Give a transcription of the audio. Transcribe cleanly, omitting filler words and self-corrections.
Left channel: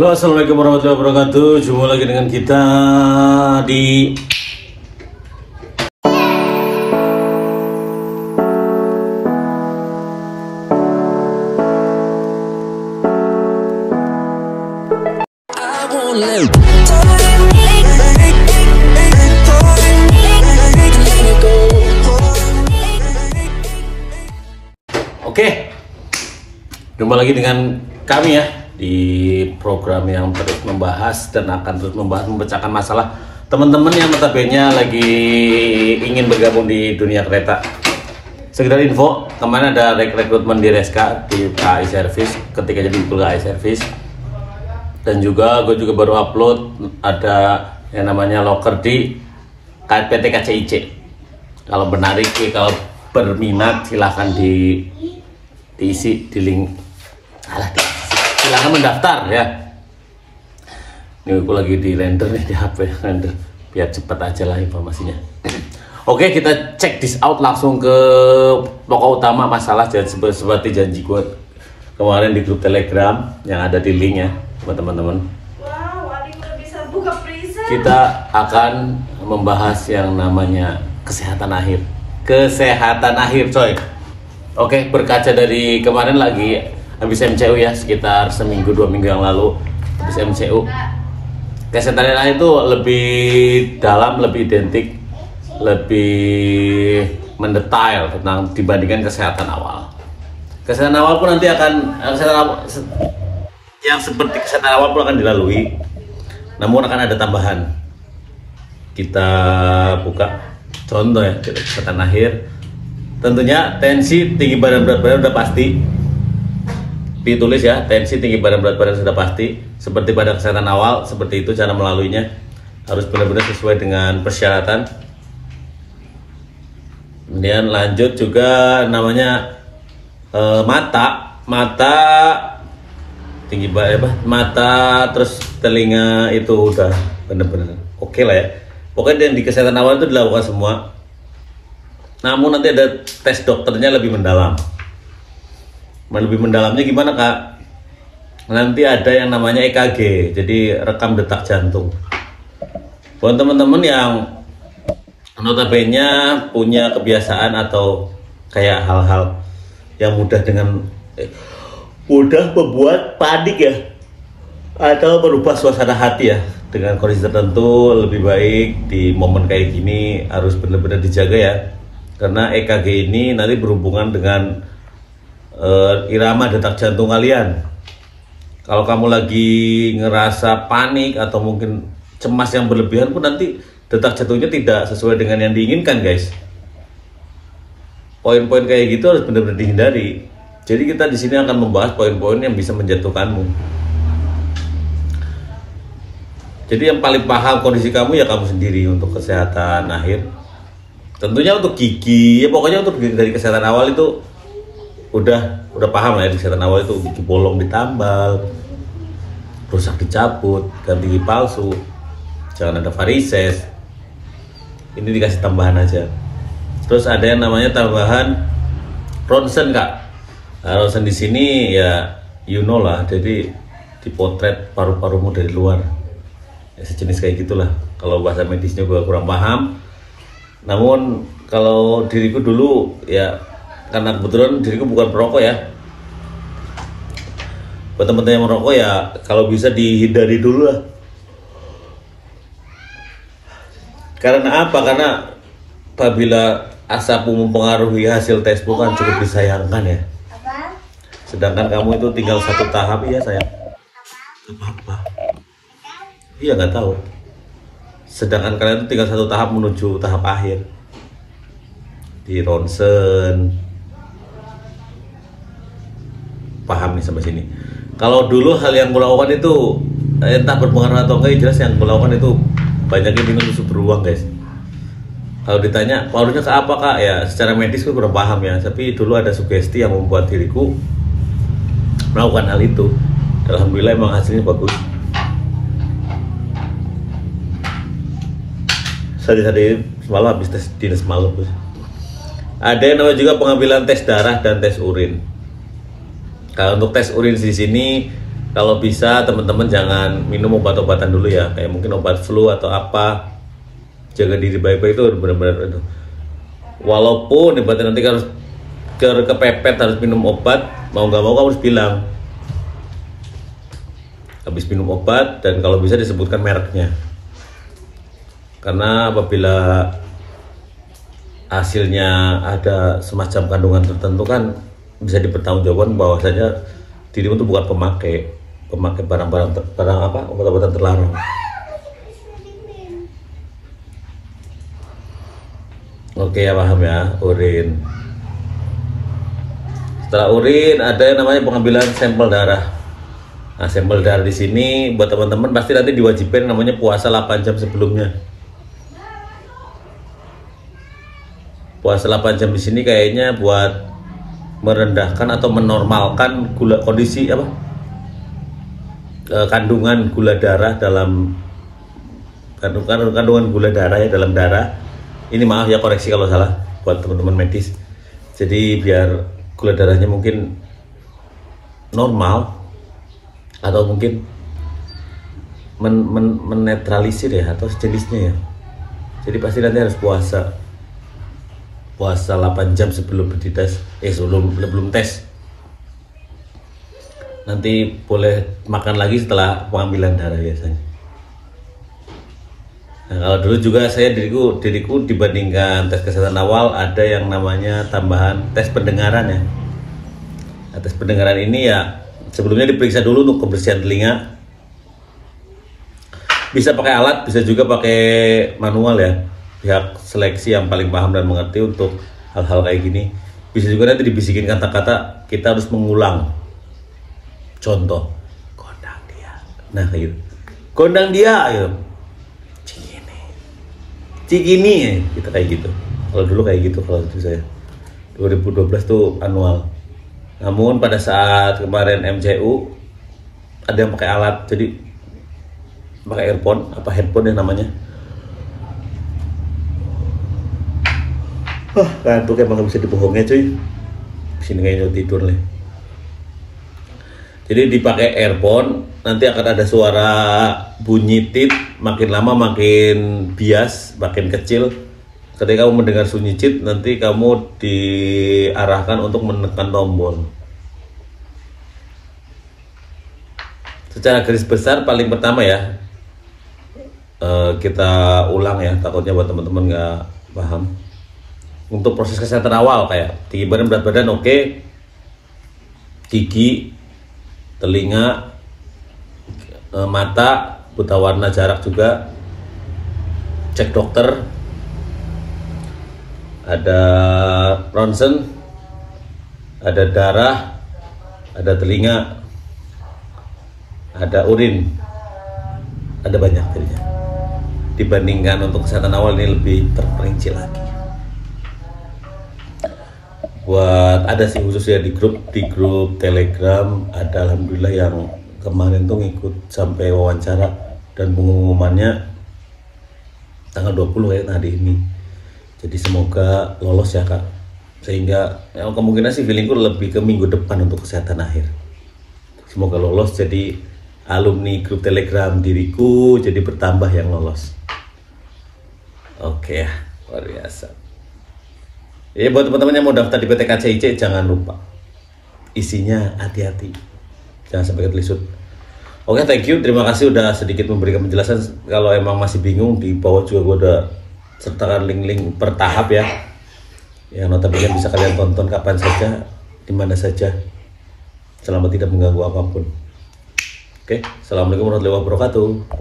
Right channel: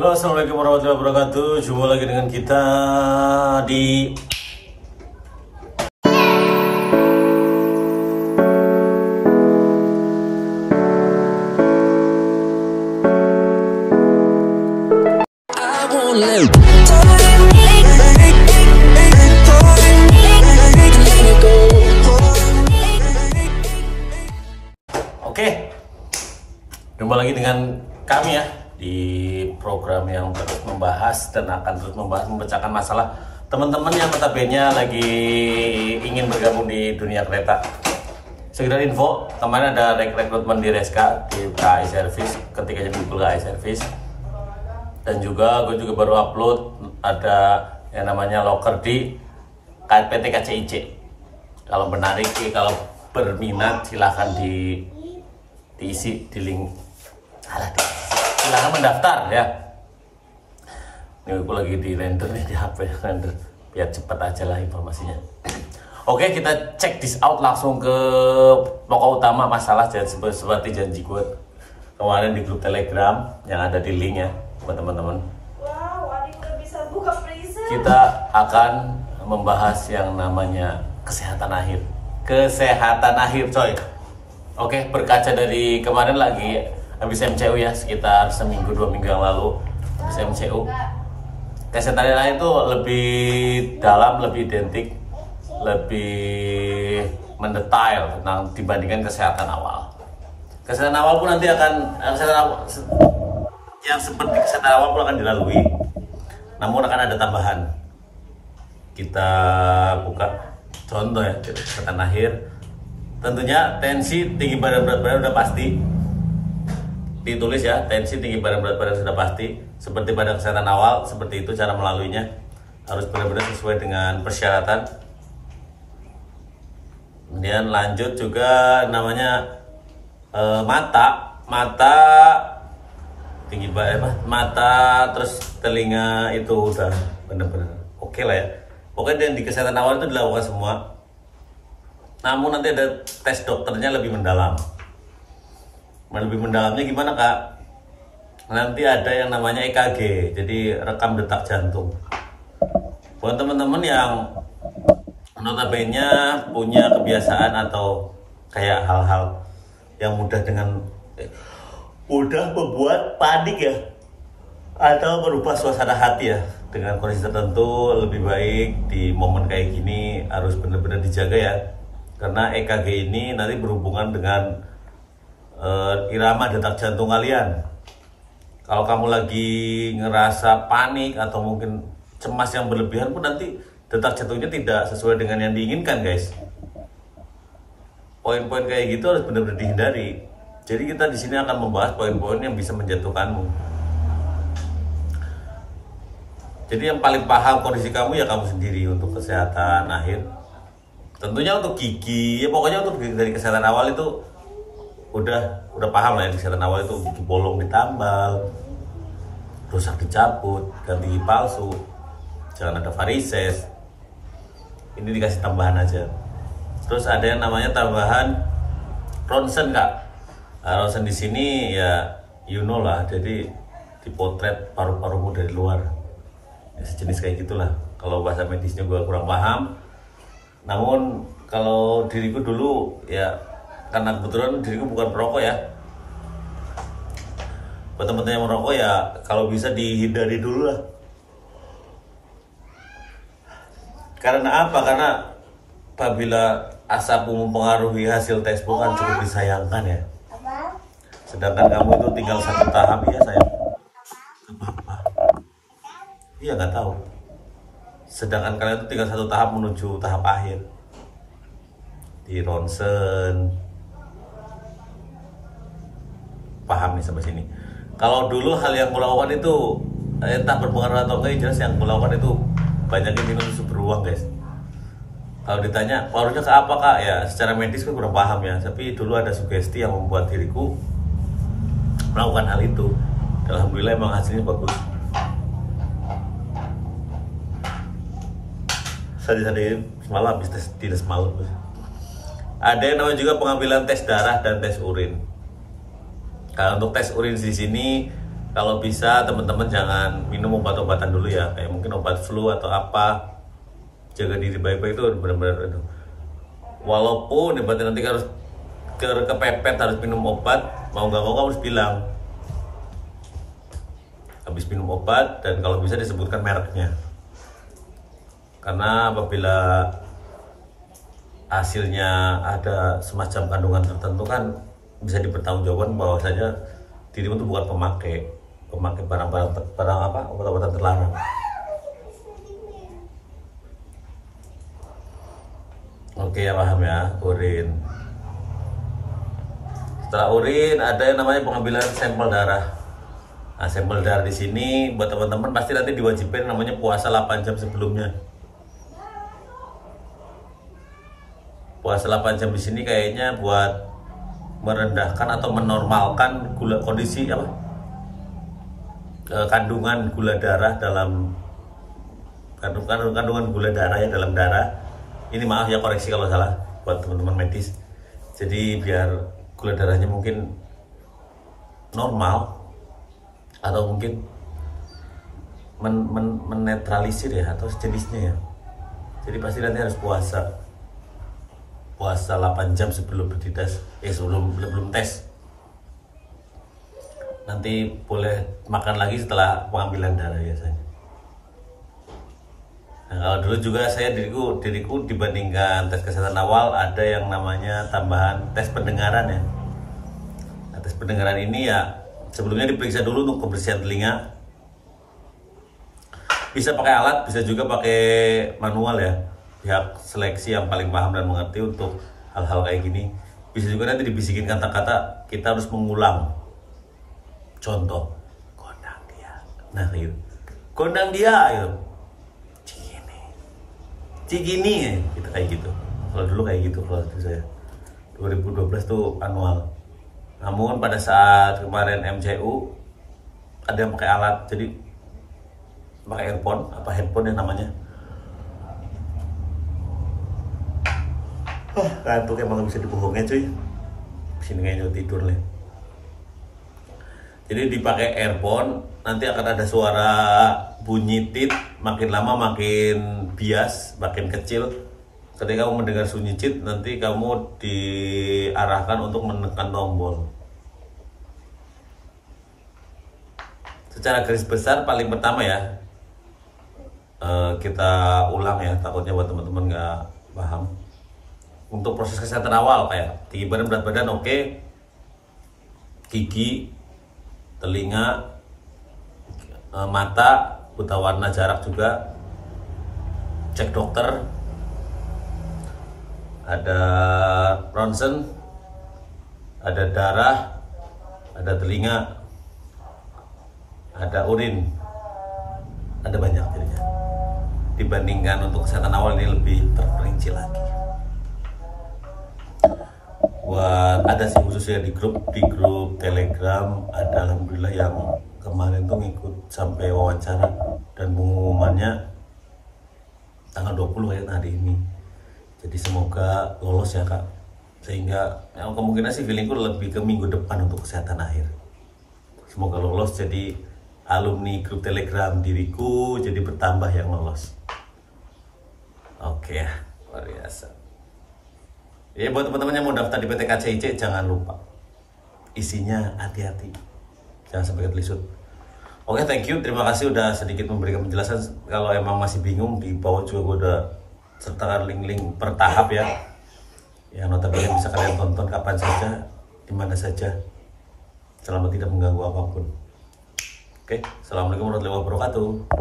Halo, assalamualaikum warahmatullahi wabarakatuh. Jumpa lagi dengan kita di Oke, jumpa lagi dengan kami ya di program yang terus membahas dan akan terus memecahkan masalah teman-teman yang notabene lagi ingin bergabung di dunia kereta. Sekedar info, kemarin ada rekrutmen di Reska di KAI Service ketika jadi KAI Service, dan juga gue juga baru upload ada yang namanya loker di PT KCIC. Kalau kalau berminat silahkan diisi di link. Silahkan mendaftar ya. Ini aku lagi di render nih di HP render biar cepet aja lah informasinya. Oke, kita check this out langsung ke pokok utama masalah. Seperti janji gue kemarin di grup Telegram yang ada di link ya buat teman-teman. Kita akan membahas yang namanya kesehatan akhir. Kesehatan akhir coy. Oke, berkaca dari kemarin lagi habis MCU ya, sekitar seminggu 2 minggu yang lalu habis MCU. Kesehatan akhir itu lebih dalam, lebih identik, lebih mendetail tentang dibandingkan kesehatan awal. Kesehatan awal pun nanti akan yang seperti kesehatan awal pun akan dilalui, namun akan ada tambahan. Kita buka contoh ya, kesehatan akhir. Tentunya tensi, tinggi badan, berat badan udah pasti ditulis ya, tensi, tinggi badan, berat badan sudah pasti. Seperti pada kesehatan awal, seperti itu cara melaluinya, harus benar-benar sesuai dengan persyaratan. Kemudian lanjut juga namanya mata tinggi badan, mata terus telinga itu udah benar-benar oke lah ya. Pokoknya yang di kesehatan awal itu dilakukan semua. Namun nanti ada tes dokternya lebih mendalam. Lebih mendalamnya gimana kak? Nanti ada yang namanya EKG, jadi rekam detak jantung. Buat teman-teman yang notabene punya kebiasaan atau kayak hal-hal yang mudah membuat panik ya, atau berubah suasana hati ya dengan kondisi tertentu, lebih baik di momen kayak gini harus benar-benar dijaga ya. Karena EKG ini nanti berhubungan dengan irama detak jantung kalian. Kalau kamu lagi ngerasa panik atau mungkin cemas yang berlebihan pun nanti detak jantungnya tidak sesuai dengan yang diinginkan guys. Poin-poin kayak gitu harus benar-benar dihindari. Jadi kita di sini akan membahas poin-poin yang bisa menjatuhkanmu. Jadi yang paling paham kondisi kamu ya kamu sendiri untuk kesehatan akhir. Tentunya untuk gigi, ya pokoknya untuk dari kesehatan awal itu udah paham lah ya. Di kesehatan awal itu gigi bolong ditambal, rusak dicabut, ganti gigi palsu, jangan ada varises. Ini dikasih tambahan aja. Terus ada yang namanya tambahan ronsen kak. Nah, ronsen di sini ya you know lah, jadi dipotret paru-parumu dari luar. Ya, sejenis kayak gitulah. Kalau bahasa medisnya gue kurang paham. Namun kalau diriku dulu ya, karena kebetulan diriku bukan perokok ya. Buat teman-teman yang merokok ya kalau bisa dihindari dulu lah. Karena apa? Karena apabila asapmu mempengaruhi hasil tesmu kan cukup disayangkan ya. Sedangkan kamu itu tinggal satu tahap ya sayang. Apa? Iya nggak tahu. Sedangkan kalian itu tinggal satu tahap menuju tahap akhir di ronsen. Paham nih sampai sini. Kalau dulu hal yang kulakukan itu entah berpengaruh atau enggak, jelas yang kulakukan itu banyaknya minum susu beruang guys. Kalau ditanya pengaruhnya ke apa kak, ya secara medis gue kurang paham ya, tapi dulu ada sugesti yang membuat diriku melakukan hal itu. Alhamdulillah emang hasilnya bagus. Tadi semalam habis tes dinas semalam. Ada yang namanya juga pengambilan tes darah dan tes urin. Kalau untuk tes urin di sini Kalau bisa teman-teman jangan minum obat-obatan dulu ya, kayak mungkin obat flu atau apa. Jaga diri baik-baik itu benar-benar itu. Walaupun ibaratnya nanti harus kepepet harus minum obat, mau nggak mau kamu harus bilang habis minum obat, dan kalau bisa disebutkan mereknya. Karena apabila hasilnya ada semacam kandungan tertentu kan bisa dipertanggungjawabkan bahwasanya dirimu itu bukan pemakai barang apa, obat-obatan terlarang. Oke ya, paham ya. Urin, setelah urin ada yang namanya pengambilan sampel darah. Nah, sampel darah di sini buat teman-teman pasti nanti diwajibkan namanya puasa 8 jam sebelumnya. Puasa 8 jam di sini kayaknya buat merendahkan atau menormalkan kondisi apa, kandungan gula darah dalam kandungan gula darah ya dalam darah. Ini maaf ya, koreksi kalau salah buat teman-teman medis. Jadi biar gula darahnya mungkin normal atau mungkin menetralisir ya atau sejenisnya ya. Jadi pasti nanti harus puasa 8 jam sebelum dites, sebelum tes. Nanti boleh makan lagi setelah pengambilan darah biasanya. Nah, kalau dulu juga saya diriku dibandingkan tes kesehatan awal ada yang namanya tambahan tes pendengaran ya. Nah, tes pendengaran ini ya sebelumnya diperiksa dulu untuk kebersihan telinga. Bisa pakai alat, bisa juga pakai manual ya. Pihak seleksi yang paling paham dan mengerti untuk hal-hal kayak gini. Bisa juga nanti dibisikin kata-kata, kita harus mengulang. Contoh, gondang dia. Nah kayak gitu. Gondang dia gitu. Cikini ya, kita kayak gitu. Kalau dulu kayak gitu, kalau itu saya 2012 tuh manual. Namun pada saat kemarin MCU ada yang pakai alat, jadi pakai earphone, apa headphone yang namanya. Kantuk emang gak bisa dibohongnya cuy. Sini kayaknya tidur nih. Jadi dipakai earphone, nanti akan ada suara bunyi tit, makin lama makin bias, makin kecil. Ketika kamu mendengar sunyi tit, nanti kamu diarahkan untuk menekan tombol. Secara garis besar paling pertama ya, kita ulang ya, takutnya buat teman-teman nggak paham. Untuk proses kesehatan awal kayak tinggi badan, berat badan oke, gigi, telinga, mata, buta warna, jarak juga, cek dokter, ada ronsen, ada darah, ada telinga, ada urin, ada banyak jadinya. Dibandingkan untuk kesehatan awal ini lebih terperinci lagi. Buat ada sih khusus ya di grup Telegram ada, alhamdulillah yang kemarin tuh ngikut sampai wawancara dan pengumumannya tanggal 20 ya hari ini. Jadi semoga lolos ya kak, sehingga ya, kemungkinan sih feelingku lebih ke minggu depan untuk kesehatan akhir. Semoga lolos jadi alumni grup Telegram diriku, jadi bertambah yang lolos. Oke ya, luar biasa. Ya buat teman-teman yang mau daftar di PT KCIC jangan lupa isinya hati-hati, jangan sampai ketelisut. Oke, thank you, terima kasih udah sedikit memberikan penjelasan. Kalau emang masih bingung, di bawah juga gue udah sertakan link-link per tahap ya, yang notabene bisa kalian tonton kapan saja, dimana saja, selama tidak mengganggu apapun. Oke, assalamualaikum warahmatullahi wabarakatuh.